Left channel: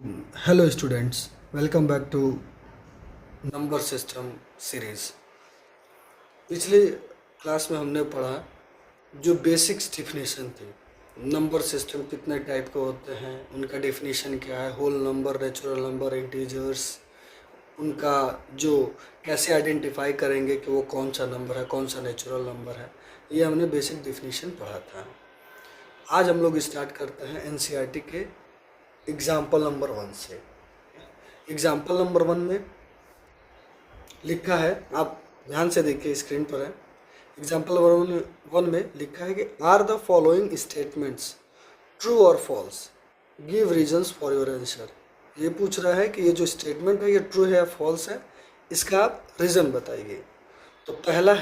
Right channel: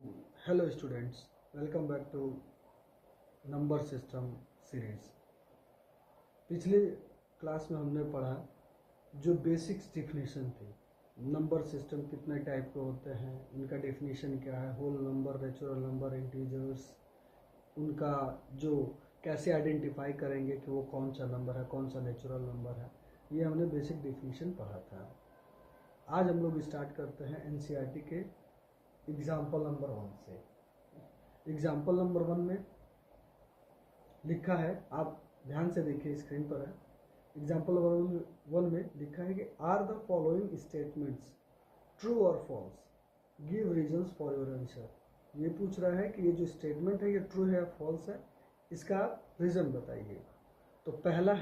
Hello students, welcome back to number system series. पिछले class में हमने पढ़ा जो बेसिक्स डिफिनेशन थी। नंबर सिस्टम कितने टाइप के होते हैं, उनका डेफिनेशन क्या है, whole number, natural number, integers, उनका जो कैसे आइडेंटिफाई करेंगे कि वो कौन सा नंबर है, कौन सा नेचुरल नंबर है, ये हमने बेसिक डिफिनेशन पढ़ा था। आज हम लोग स्टार्ट करते हैं एनसीईआरटी के एग्जाम्पल नंबर 1 से। एग्जाम्पल नंबर 1 में लिखा है, आप ध्यान से देखिए, स्क्रीन पर है। एग्जाम्पल नंबर 1 में लिखा है कि are the following statements true और false, give reasons for your answer. ये पूछ रहा है कि ये जो स्टेटमेंट है ये ट्रू है या फॉल्स है, इसका आप रीज़न बताइए। तो पहला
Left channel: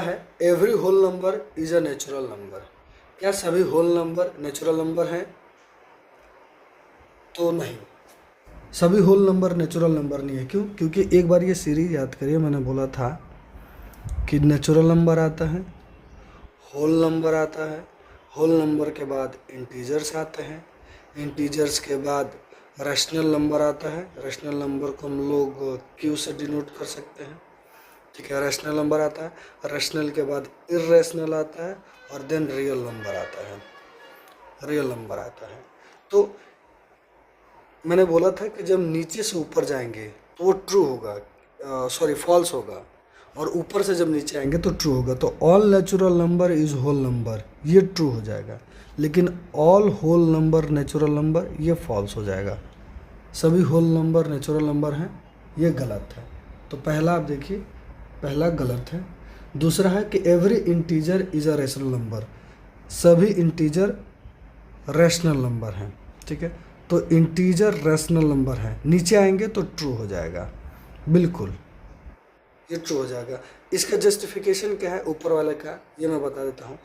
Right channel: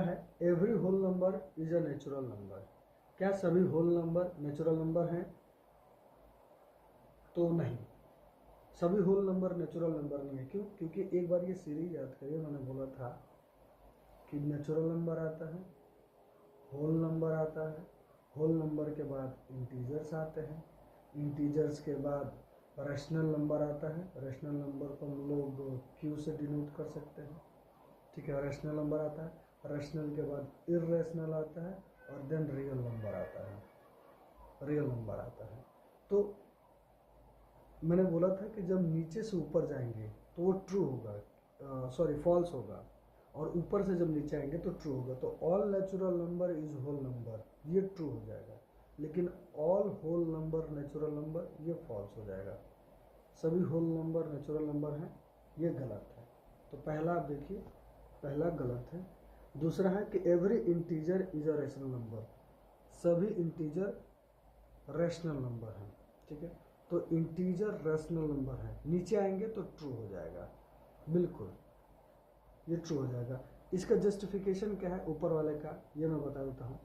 है every whole number is a natural number. क्या सभी होल नंबर नेचुरल नंबर हैं? तो नहीं, सभी होल नंबर नेचुरल नंबर नहीं है। क्यों? क्योंकि एक बार ये सीरीज याद करिए, मैंने बोला था कि नेचुरल नंबर आता है, होल नंबर आता है, होल नंबर के बाद इंटीजर्स आते हैं, इंटीजर्स के बाद रैशनल नंबर आता है, रैशनल नंबर को हम लोग क्यू से डिनोट कर सकते हैं। ठीक है, रैशनल नंबर आता है, रैशनल के बाद इर्रेशनल आता है और देन रियल नंबर आता है, रियल नंबर आता है। तो मैंने बोला था कि जब नीचे से ऊपर जाएंगे तो वो ट्रू होगा, सॉरी फॉल्स होगा, और ऊपर से जब नीचे आएंगे तो ट्रू होगा। तो all natural number is whole number, ये ट्रू हो जाएगा, लेकिन all whole number natural number ये फॉल्स हो जाएगा। सभी होल नंबर नेचुरल नंबर हैं, ये गलत है। तो पहला आप देखिए, पहला गलत है। दूसरा है कि every integer is a rational number, सभी इंटीजर रैशनल नंबर हैं। ठीक है, तो इंटीजर रैशनल नंबर है, नीचे आएंगे तो ट्रू हो जाएगा, बिल्कुल ये ट्रू हो जाएगा। इसका जस्टिफिकेशन क्या है ऊपर वाले का, ये मैं बता देता हूँ।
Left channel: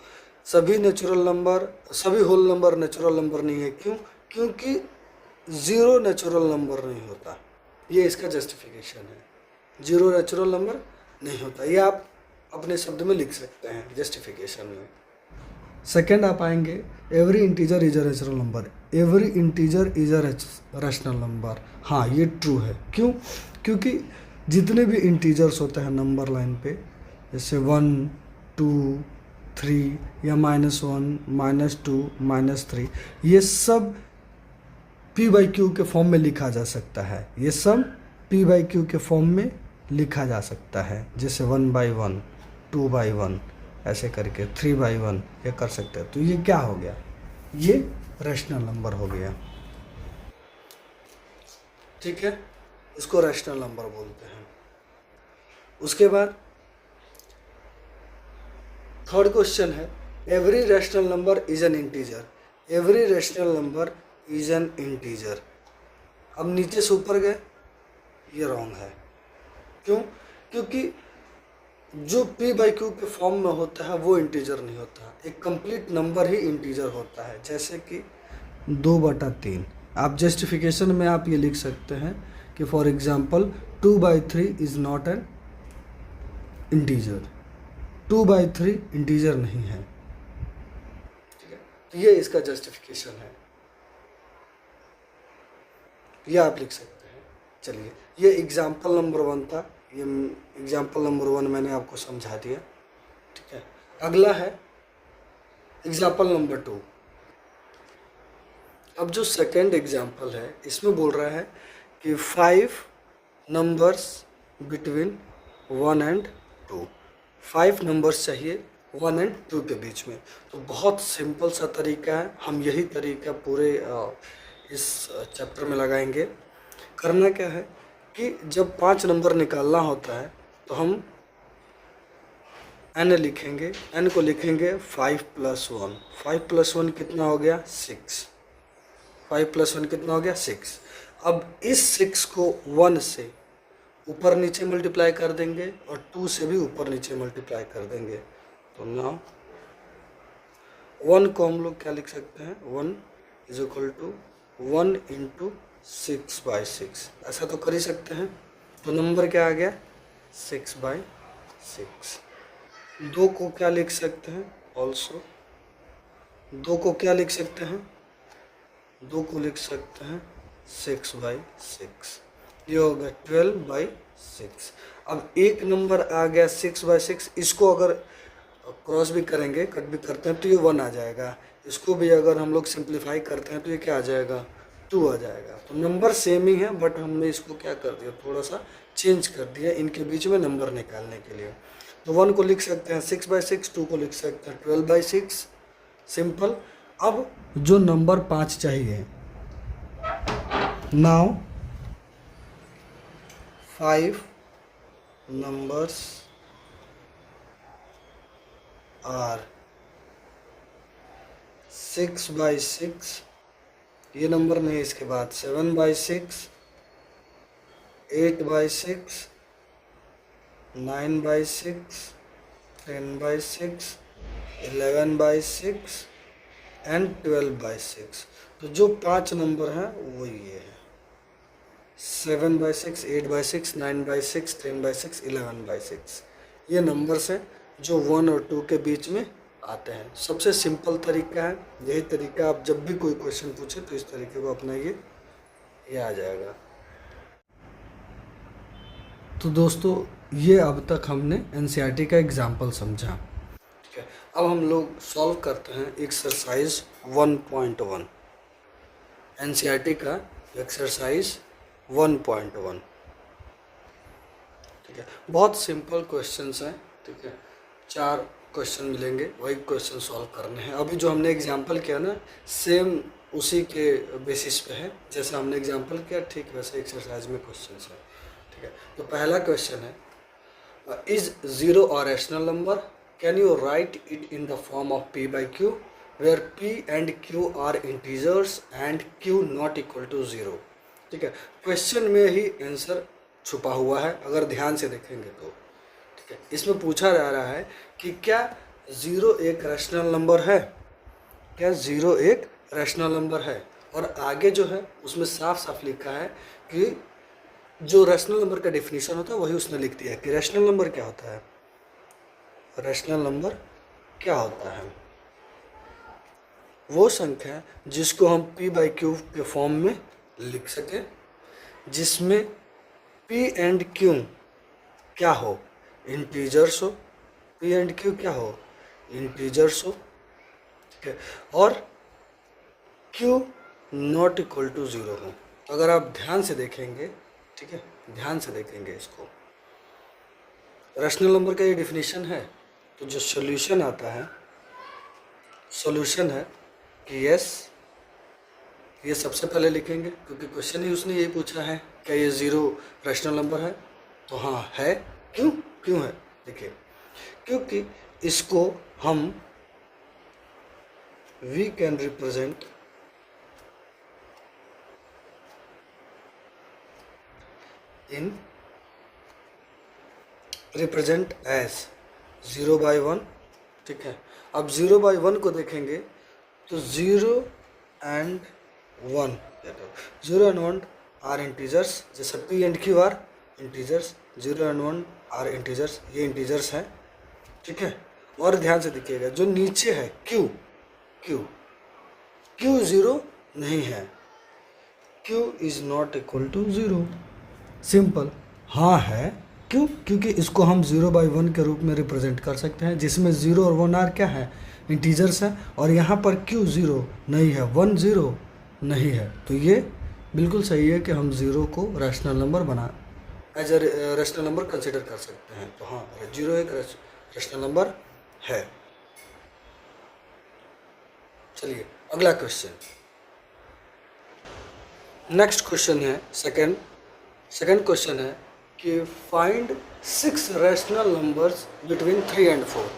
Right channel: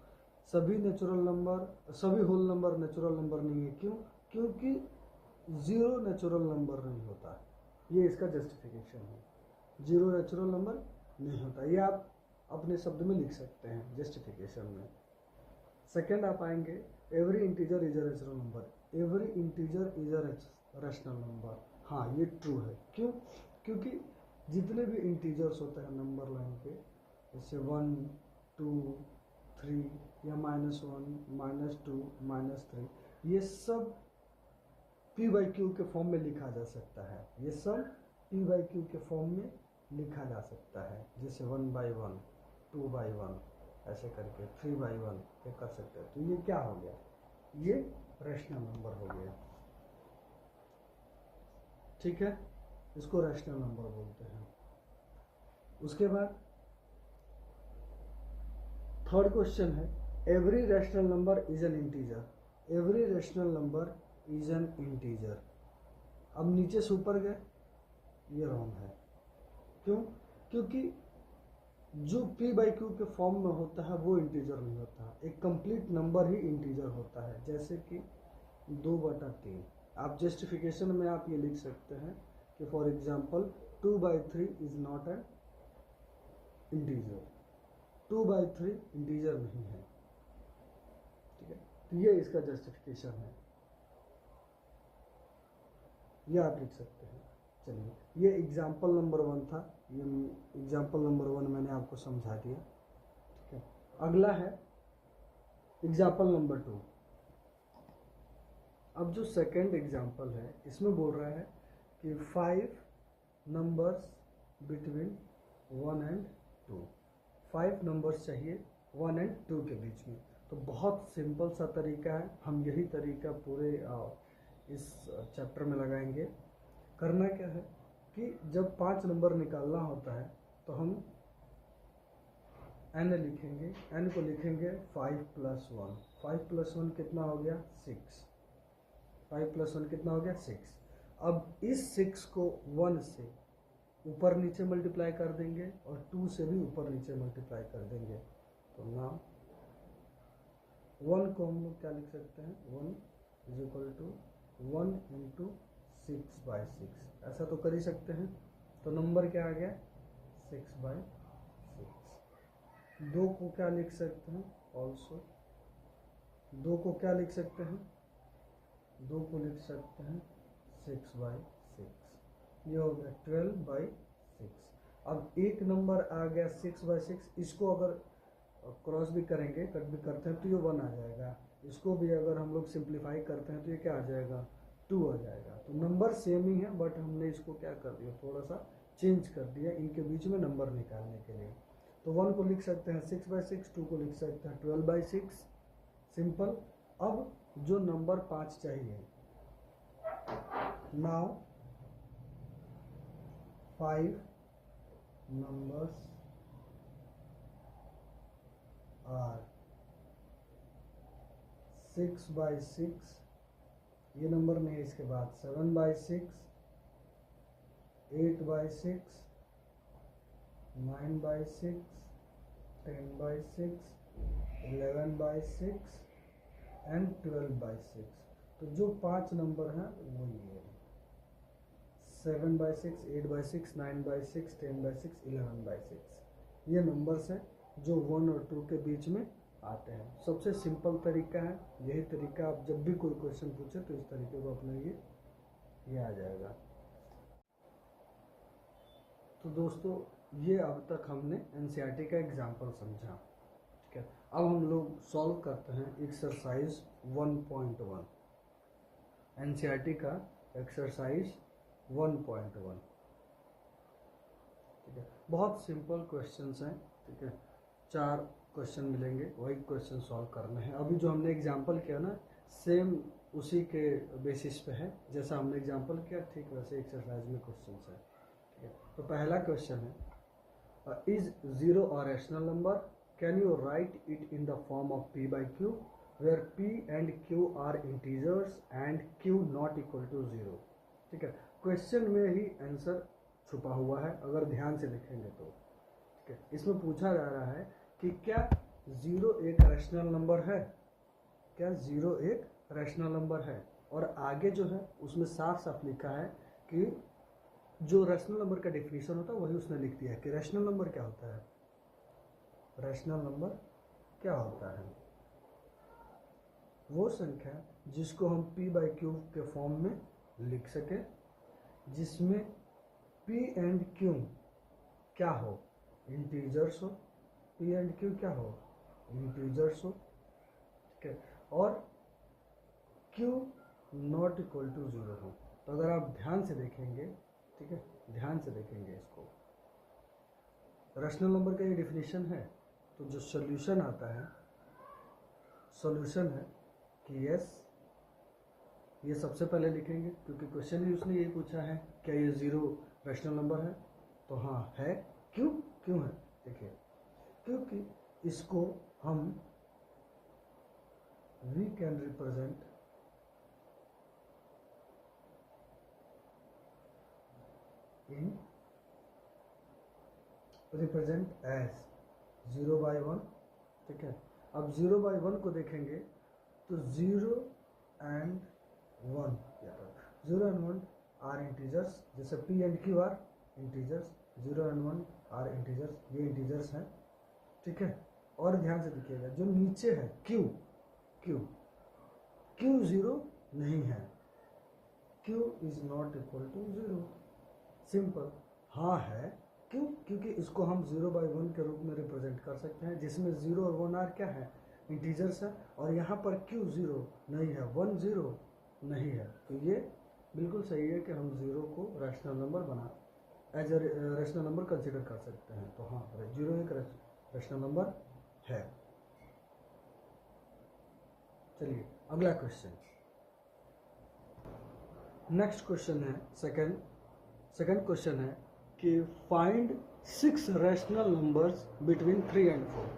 सभी नेचुरल नंबर, सभी होल नंबर नेचुरल नंबर नहीं है। क्यों? क्योंकि ज़ीरो नेचुरल नंबर नहीं होता, ये इसका जस्टिफिकेशन है। ज़ीरो नेचुरल नंबर नहीं होता, ये आप अपने शब्द में लिख सकते हैं जस्टिफिकेशन में। सेकेंड आप आएंगे, every integer is a rational number, every integer is a rational number. हाँ, ये ट्रू है। क्यों? क्योंकि जितने भी इंटीजर्स होते हैं नंबर लाइन पे, जैसे 1, 2, 3 या -1, -2, -3, ये सब p/q के फॉर्म में लिखा जा सकता है। ये सब p/q के फॉर्म में लिखा जा सकता है, जैसे 1/1, 2/1, ऐसे करके 3/1 ये कर सकते हैं। तो ये क्या हो गया? ये रैशनल नंबर हो गया। ठीक है, इसको रैशनल नंबर बोलते हैं। उसके बाद थर्ड क्वेश्चन है, every rational number is an integer, every rational number is an integer. अब नीचे से ऊपर गए, ये रॉन्ग है। क्यों? क्योंकि जो p/q के फॉर्म में होता है वो इंटीजर नहीं होता, एक कंप्लीट नंबर ही इंटीजर होता है, जैसे कि 2/3। आप जस्टिफिकेशन में आप ये लिख सकते हैं कि for example 2/3 is not an integer, 2/3 integer नहीं है। ठीक है, तो ये इसका जस्टिफिकेशन है, ये आप लिख सकते हैं। चलिए, ये एग्जाम्पल नंबर 1 था, ये एग्जाम्पल नंबर 1 मैंने आपको समझा दिया। ठीक है, अगला है एग्जाम्पल नंबर 2। अब जो सेकेंड एग्जाम्पल है, इसमें बोल रहा है कि 5 नंबर्स बिटवीन 1 एंड 2, 5 नंबर्स चाहिए 1 एंड 2 के बीच में। तो बहुत सिंपल सा तरीका है, हम यही तरीका पूरे इस चैप्टर में लगाएंगे। करना क्या है कि जब 5 नंबर निकालना होता है तो हम n लिखेंगे, n को लिखेंगे 5 + 1, 5 + 1 कितना हो गया? 6, 5 + 1 कितना हो गया? 6। अब इस 6 को 1 से ऊपर नीचे मल्टीप्लाई कर देंगे और 2 से भी ऊपर नीचे मल्टीप्लाई कर देंगे। तो नाउ 1 को हम लोग क्या लिख सकते हैं? 1 = 1 × 6/6, ऐसा तो कर ही सकते हैं। तो नंबर क्या आ गया? 6/6। 2 को क्या लिख सकते हैं? ऑल्सो 2 को क्या लिख सकते हैं? 2 को लिख सकते हैं 6/6, ये हो गया 12/6। अब एक नंबर आ गया 6/6, इसको अगर क्रॉस भी करेंगे, कट भी करते हैं तो ये 1 आ जाएगा। इसको भी अगर हम लोग सिंप्लीफाई करते हैं तो ये क्या आ जाएगा, 2 आ जाएगा। तो नंबर सेम ही है, बट हमने इसको क्या कर दिया, थोड़ा सा चेंज कर दिया इनके बीच में नंबर निकालने के लिए। तो 1 को लिख सकते हैं 6/6, 2 को लिख सकते हैं 12/6, सिंपल। अब जो नंबर 5 चाहिए, नाउ 5 numbers are 6/6, ये नंबर नहीं है, इसके बाद 7/6, 8/6, 9/6, 10/6, 11/6 एंड 12/6। तो जो 5 नंबर हैं वो ये है, 7/6, 8/6, 9/6, 10/6, 11/6। ये नंबर्स हैं जो 1 और 2 के बीच में आते हैं। सबसे सिंपल तरीका है, यही तरीका आप जब भी कोई क्वेश्चन पूछे तो इस तरीके को अपनाइए, ये आ जाएगा। तो दोस्तों ये अब तक हमने एनसीईआरटी का एग्जाम्पल समझा, ठीक है। अब हम लोग सॉल्व करते हैं एक्सरसाइज 1.1, एनसीईआरटी का एक्सरसाइज 1.1, ठीक है। बहुत सिंपल क्वेश्चंस हैं, ठीक है। 4 क्वेश्चन मिलेंगे, वही क्वेश्चन सॉल्व करने हैं। अभी जो हमने एग्जांपल किया ना, सेम उसी के बेसिस पे है, जैसा हमने एग्जांपल किया ठीक वैसे एक्सरसाइज में क्वेश्चंस है, ठीक है। तो पहला क्वेश्चन है, is 0 a rational number, can you write it in the form of p/q where p and q are integers and q not equal to 0, ठीक है। क्वेश्चन में ही आंसर छुपा हुआ है अगर ध्यान से देखेंगे तो, ठीक है। इसमें पूछा जा रहा है कि क्या 0 एक रैशनल नंबर है, क्या 0 एक रैशनल नंबर है। और आगे जो है उसमें साफ साफ लिखा है कि जो रैशनल नंबर का डेफिनेशन होता है वही उसने लिख दिया है कि रैशनल नंबर क्या होता है, रैशनल नंबर क्या होता है, वो संख्या जिसको हम p/q के फॉर्म में लिख सकें, जिसमें p एंड q क्या हो, इंटीजर्स हो, p एंड q क्या हो, इंटीजर्स हो, ठीक है। और q नॉट इक्वल टू 0 हो। तो अगर आप ध्यान से देखेंगे, ठीक है, ध्यान से देखेंगे इसको, रैशनल नंबर का ये डिफिनीशन है। तो जो सॉल्यूशन आता है, सॉल्यूशन है कि यस, ये सबसे पहले लिखेंगे क्योंकि क्वेश्चन ही उसने यही पूछा है, क्या ये 0 रैशनल नंबर है। तो हाँ है, क्यों क्यों है, देखिए, क्योंकि इसको हम we can represent in represent as 0/1, ठीक है। अब 0/1 को देखेंगे तो 0 एंड 1, 0 एंड 1 आर इंटीजर्स, जैसे p and q are integers, 0 and 1 are integers, ये इंटीजर्स हैं, ठीक है। और ध्यान से देखिएगा जो नीचे है q, q 0 नहीं है, q is not equal to 0, simple. हाँ है, क्यों, क्योंकि इसको हम 0/1 के रूप में रिप्रेजेंट कर सकते हैं, जिसमें 0 और 1 आर क्या है, इंटीजर्स हैं। और यहाँ पर q 0 नहीं है, 1 0 नहीं है, तो ये बिल्कुल सही है कि हम 0 को रैशनल नंबर बना as a rational number consider कर सकते हैं। तो हाँ, 0 एक रैशनल नंबर है। चलिए अगला क्वेश्चन, नेक्स्ट क्वेश्चन है सेकंड क्वेश्चन है कि find 6 rational numbers between 3 and 4।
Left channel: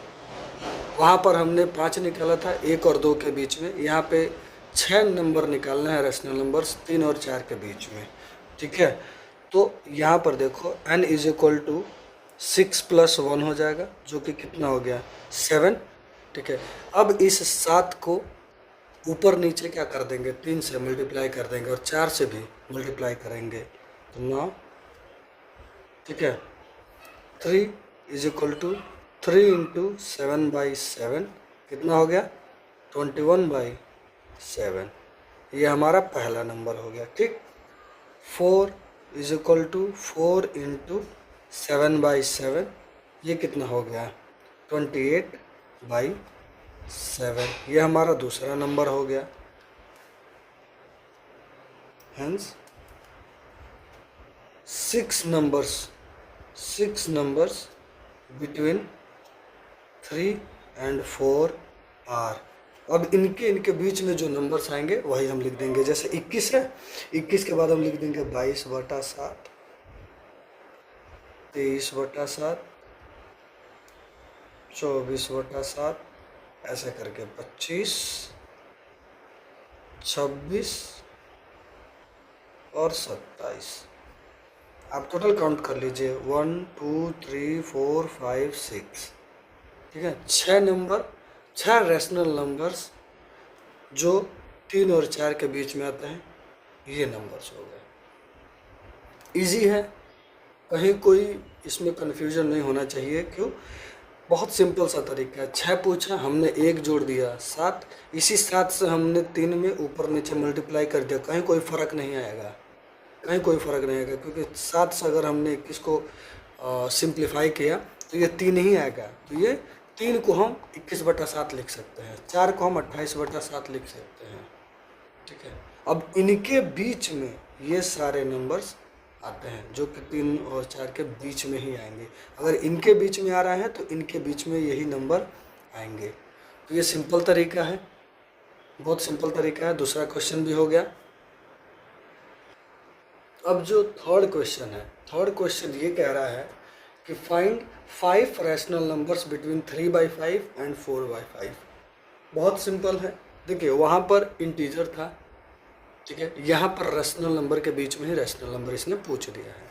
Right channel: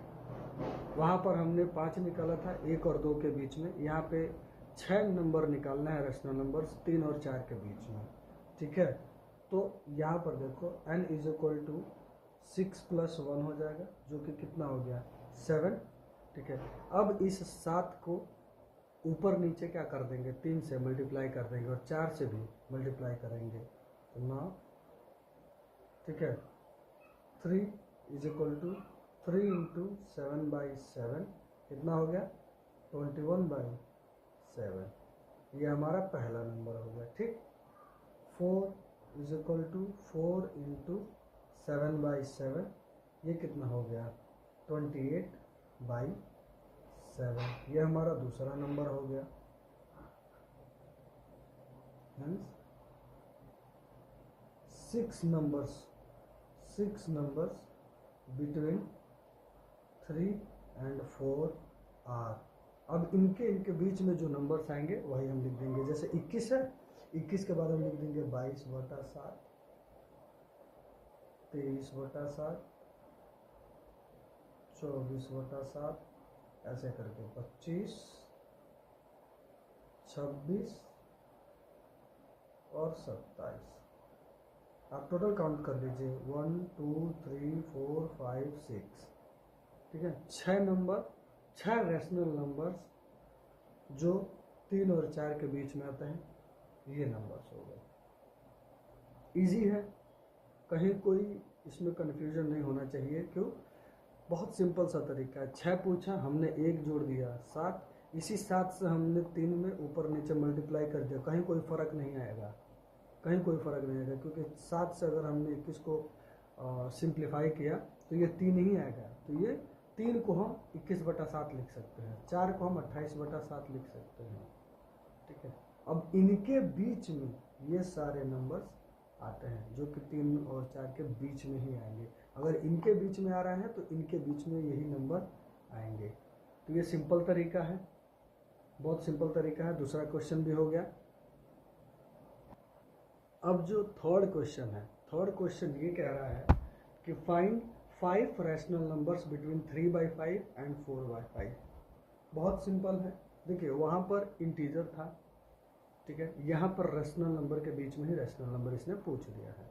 वहाँ पर हमने 5 निकाला था 1 और 2 के बीच में, यहाँ पे 6 नंबर निकालना है रैशनल नंबर्स 3 और 4 के बीच में, ठीक है। तो यहाँ पर देखो n इज इक्वल टू 6 + 1 हो जाएगा, जो कि कितना हो गया 7, ठीक है। अब इस 7 को ऊपर नीचे क्या कर देंगे, 3 से मल्टीप्लाई कर देंगे और 4 से भी मल्टीप्लाई करेंगे, तो 9, ठीक है। 3 इज इक्वल टू 3 × 7/7 कितना हो गया 21/7, ये हमारा पहला नंबर हो गया, ठीक। 4 इज इक्वल टू 4 इंटू 7/7, ये कितना हो गया 28/7, ये हमारा दूसरा नंबर हो गया। Hence 6 numbers between 3 and 4 are. अब इनके बीच में जो नंबर्स आएंगे वही हम लिख देंगे। जैसे 21 है, 21 के बाद हम लिख देंगे 22/7, 23/7, 24/7, ऐसे करके 25, 26 और 27। आप टोटल काउंट कर लीजिए 1 2 3 4 5 6, ठीक है। 6 रैशनल नंबर्स जो 3 और 4 के बीच में आते हैं, ये नंबर्स हो गए। इजी है, कहीं कोई इसमें कन्फ्यूजन नहीं होना चाहिए। क्यों? बहुत सिंपल सा तरीका है। 6 पूछा, हमने 1 जोड़ दिया 7, इसी 7 से हमने 3 में ऊपर नीचे मल्टीप्लाई कर दिया, कहीं कोई फ़र्क नहीं आएगा, कहीं कोई फ़र्क नहीं आएगा। क्योंकि 7 से अगर हमने 21 को सिंप्लीफाई किया तो ये 3 ही आएगा। तो ये 3 को हम 21/7 लिख सकते हैं, 4 को हम 28/7 लिख सकते हैं, ठीक है। अब इनके बीच में ये सारे नंबर्स आते हैं जो कि 3 और 4 के बीच में ही आएंगे। अगर इनके बीच में आ रहा है तो इनके बीच में यही नंबर आएंगे। तो ये सिंपल तरीका है, बहुत सिंपल तरीका है। दूसरा क्वेश्चन भी हो गया। अब जो थर्ड क्वेश्चन है, थर्ड क्वेश्चन ये कह रहा है कि find 5 rational numbers between 3/5 and 4/5। बहुत सिंपल है। देखिए वहाँ पर इंटीजर था, ठीक है, यहाँ पर रैशनल नंबर के बीच में ही रैशनल नंबर इसने पूछ दिया है।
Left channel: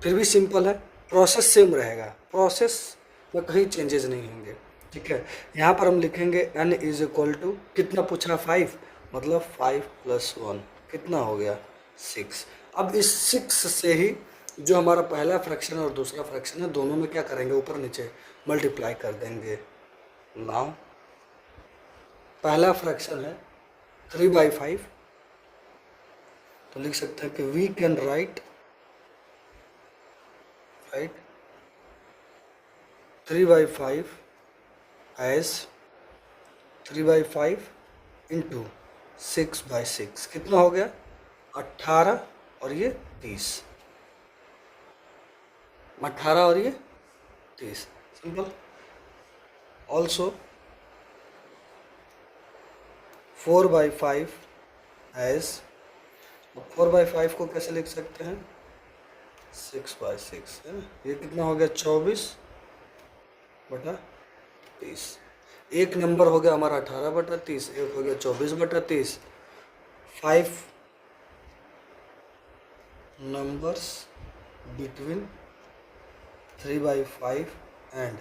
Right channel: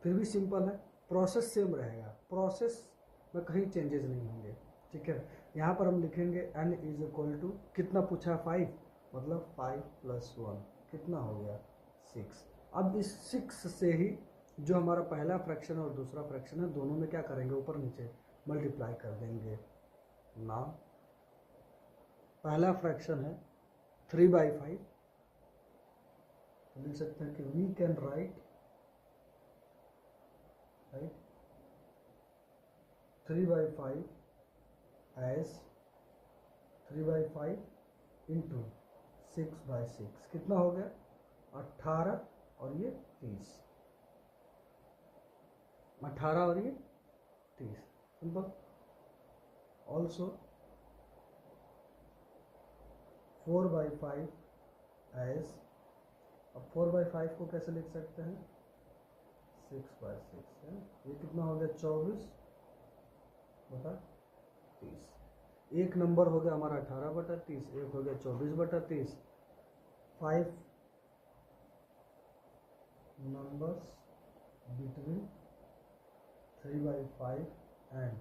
फिर भी सिंपल है, प्रोसेस सेम रहेगा, प्रोसेस में कहीं चेंजेस नहीं होंगे, ठीक है। यहाँ पर हम लिखेंगे n इज इक्वल टू, कितना पूछा 5, मतलब 5 + 1 कितना हो गया 6। अब इस 6 से ही जो हमारा पहला फ्रैक्शन और दूसरा फ्रैक्शन है, दोनों में क्या करेंगे, ऊपर नीचे मल्टीप्लाई कर देंगे। नाउ पहला फ्रैक्शन है 3/5, तो लिख सकते हैं कि we can write 3/5 as 3/5 into 6/6, कितना हो गया 18 और ये 30, 18 और ये 30, सिंपल। ऑल्सो 4/5 एज, 4/5 को कैसे लिख सकते हैं 6/6 है ना। ये कितना हो गया 24/30। एक नंबर हो गया हमारा 18/30, एक हो गया 24/30। 5 numbers between 3/5 and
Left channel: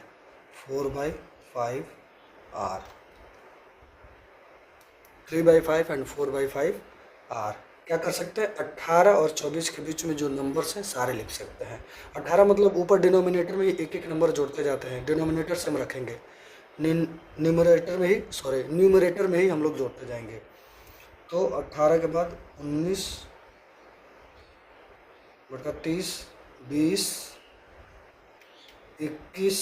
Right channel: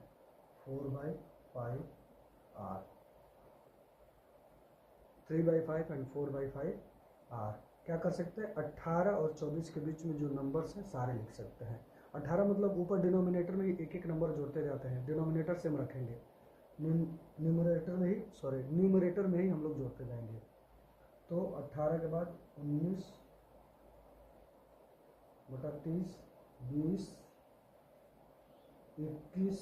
4/5 are 3/5 and 4/5 are। क्या कर सकते हैं, 18 और 24 के बीच में जो नंबर्स हैं सारे लिख सकते हैं। 18 मतलब ऊपर डिनोमिनेटर में एक एक नंबर जोड़ते जाते हैं, डिनोमिनेटर से हम रखेंगे, न्यूमरेटर में ही हम लोग जोड़ते जाएंगे। तो 18 के बाद 19/30, 20, 21,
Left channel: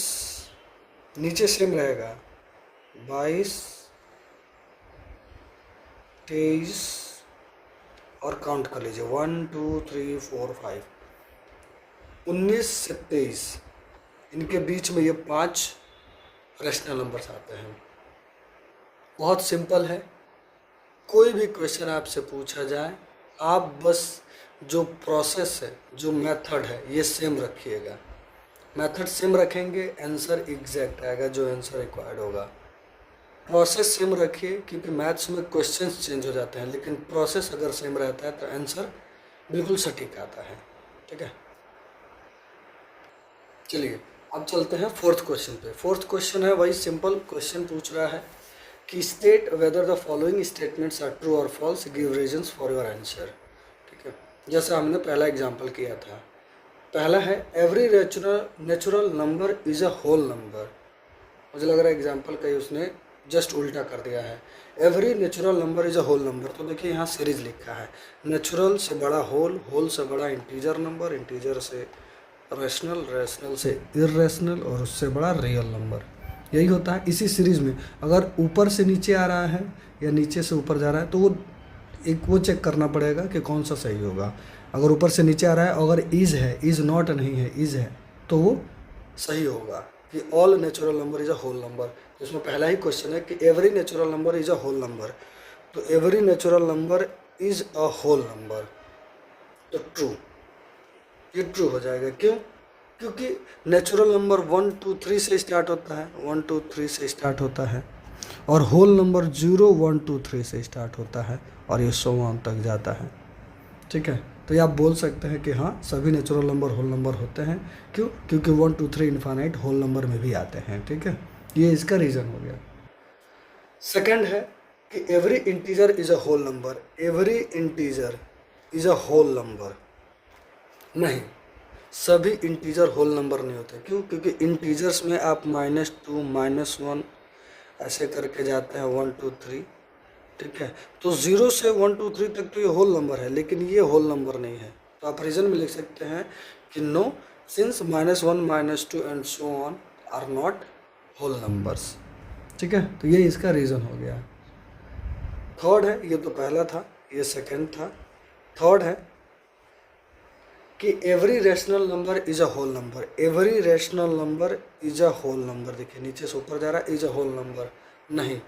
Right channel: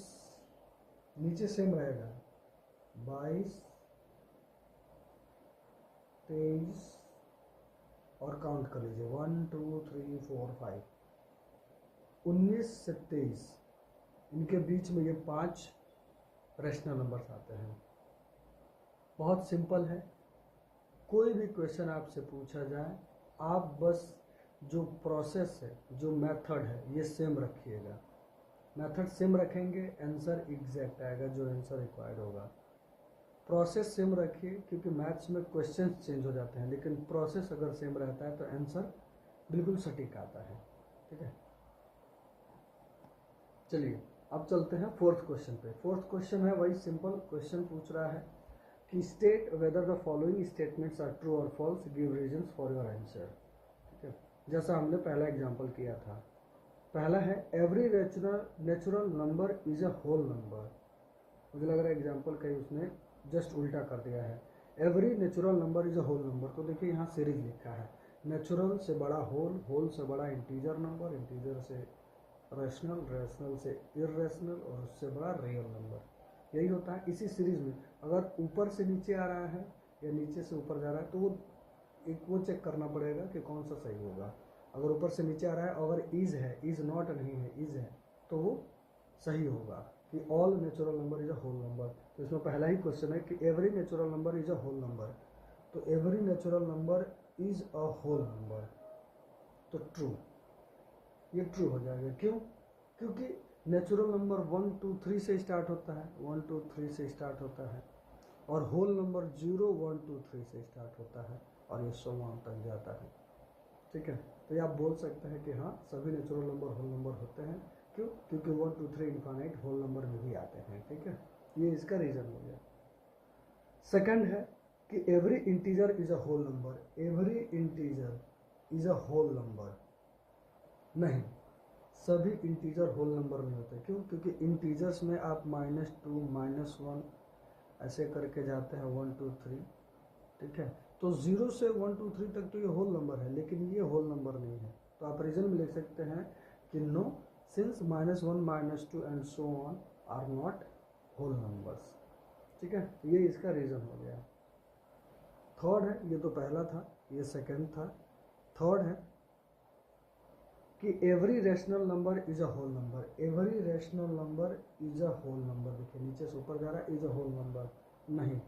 नीचे सेम रहेगा 22, 23 और काउंट कर लीजिए 1 2 3 4 5, 19 से 23, इनके बीच में ये 5 रैशनल नंबर्स आते हैं। बहुत सिंपल है, कोई भी क्वेश्चन आपसे पूछा जाए, आप बस जो प्रोसेस है, जो मेथड है, ये सेम रखिएगा। मेथड सेम रखेंगे, आंसर एग्जैक्ट आएगा, जो आंसर रिक्वायर्ड होगा। प्रोसेस सेम रखिए, क्योंकि मैथ्स में क्वेश्चंस चेंज हो जाते हैं, लेकिन प्रोसेस अगर सेम रहता है तो आंसर बिल्कुल सटीक आता है, ठीक है। चलिए अब चलते हैं फोर्थ क्वेश्चन पे। फोर्थ क्वेश्चन है, वही सिंपल क्वेश्चन पूछ रहा है कि state whether the following statements are true और false, give reasons for your answer, ठीक है। जैसा हमने पहला एग्जांपल किया था, पहला है every natural number is a whole number. मुझे लग रहा है एग्जांपल कहीं उसने जस्ट उल्टा कर दिया है। Every natural number is a whole number. तो देखिए यहाँ सीरीज लिखा है, नेचुरल से बड़ा होल, होल से बड़ा इंटीजर नंबर, इंटीजर से रैशनल, रैशनल से इर्रेशनल और उससे बड़ा रियल नंबर। यही होता है इसी सीरीज में। अगर ऊपर से नीचे आ रहा है या नीचे से ऊपर जा रहा है तो वो चेक करना पड़ेगा कि कौन सा सही होगा। अगर ऊपर से नीचे आ रहा है, अगर इज है, इज नॉट नहीं है, इज है, तो वो सही होगा कि all natural number is a whole number. तो इसमें पहला ही क्वेश्चन है कि every natural number is a whole number. तो every natural number is a whole number, तो ट्रू, ये ट्रू हो जाएगा। क्यों? क्योंकि नेचुरल नंबर 1 2 3 से स्टार्ट होता है, 1 2 3 से स्टार्ट होता है, और होल नंबर 0 1 2 3 से स्टार्ट होता है और ये 100 तक जाता है। ठीक है, तो ये आप बोल सकते हैं कि हाँ सभी नेचुरल नंबर होल नंबर होते हैं। क्यों? क्योंकि 1 2 3 इन्फानाइट होल नंबर में भी आते हैं। ठीक है, ये इसका रीज़न हो गया। सेकंड है कि every integer is a whole number. Every integer is a whole number नहीं, सभी इंटीजर होल नंबर नहीं होते। क्यों? क्योंकि इंटीजर्स में आप -2 -1 ऐसे करके जाते हैं, 1 2 3। ठीक है, तो 0 से 1 2 3 तक तो ये होल नंबर है, लेकिन ये होल नंबर नहीं है। तो आप रीज़न में लिख सकते हैं कि no, since -1 -2 and so on are not whole numbers. ठीक है, तो ये इसका रीज़न हो गया। थर्ड है, ये तो पहला था, ये सेकंड था। थर्ड है कि every rational number is a whole number. Every rational number is a whole number. देखिए नीचे से ऊपर जा रहा है, इज अ होल नंबर नहीं,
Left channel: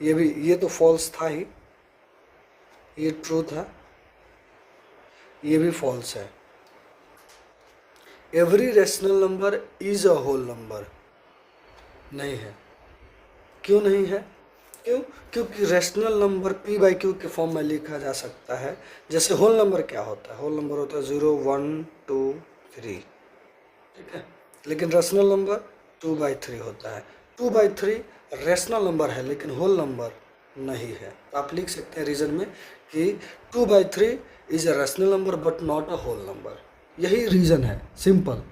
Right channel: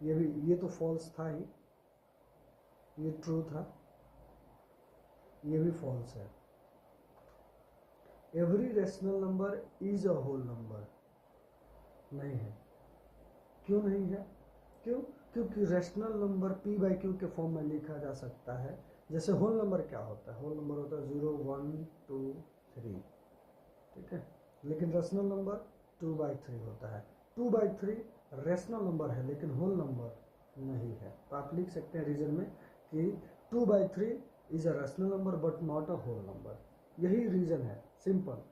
ये तो फॉल्स था ही, ये ट्रू था, ये भी फॉल्स है। Every rational number is a whole number नहीं है। क्यों नहीं है? क्यों? क्योंकि rational number p by q के फॉर्म में लिखा जा सकता है। जैसे होल नंबर क्या होता है? होल नंबर होता है 0 1 2 3। ठीक है, लेकिन रैशनल नंबर 2 बाई 3 होता है। 2 बाई 3 रैशनल नंबर है लेकिन होल नंबर नहीं है। तो आप लिख सकते हैं रीज़न में कि 2 by 3 is a rational number but not a whole number. यही रीज़न है, सिंपल।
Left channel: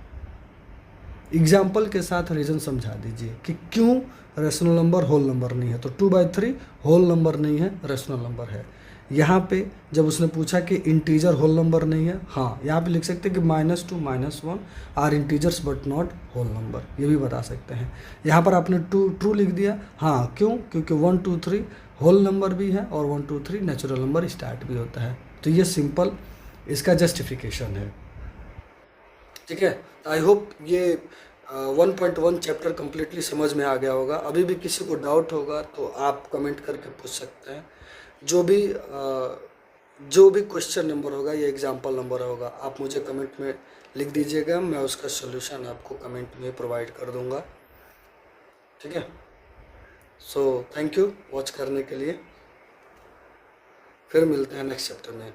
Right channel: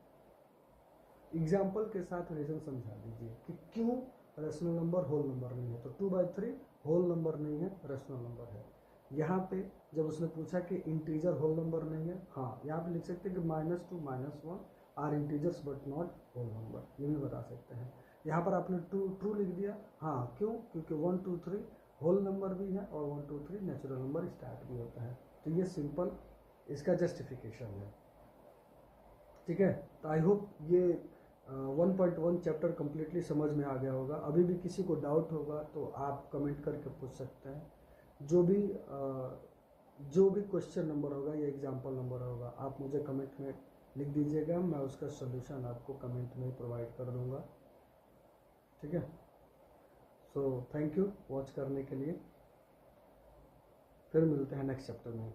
एग्जाम्पल के साथ रीज़न समझा दीजिए कि क्यों रैशनल नंबर होल नंबर नहीं है। तो 2 बाई 3 होल नंबर नहीं है, रैशनल नंबर है। यहाँ पे जब उसने पूछा कि इंटीजर होल नंबर नहीं है, हाँ यहाँ पे लिख सकते हैं कि -2 -1 are integers but not whole number, ये भी बता सकते हैं। यहाँ पर आपने ट्रू लिख दिया, हाँ क्यों? क्योंकि 1 2 3 होल नंबर भी है और 1 2 3 नेचुरल नंबर स्टार्ट भी होता है। तो ये सिंपल इसका जस्टिफिकेशन है। ठीक है, आई होप ये 1.1 चैप्टर कम्प्लीटली समझ में आ गया होगा। अभी भी किसी को डाउट होगा तो आप कमेंट करके पूछ सकते हैं। जो भी क्वेश्चन नंबर होगा या एग्जाम्पल नंबर होगा आप मुझे कमेंट में लिख दीजिएगा, मैं उसका सोल्यूशन आपको कमेंट में प्रोवाइड कर दूंगा। ठीक है, सो थैंक यू वॉच करने के लिए। फिर मिलते हैं नेक्स्ट चैप्टर में।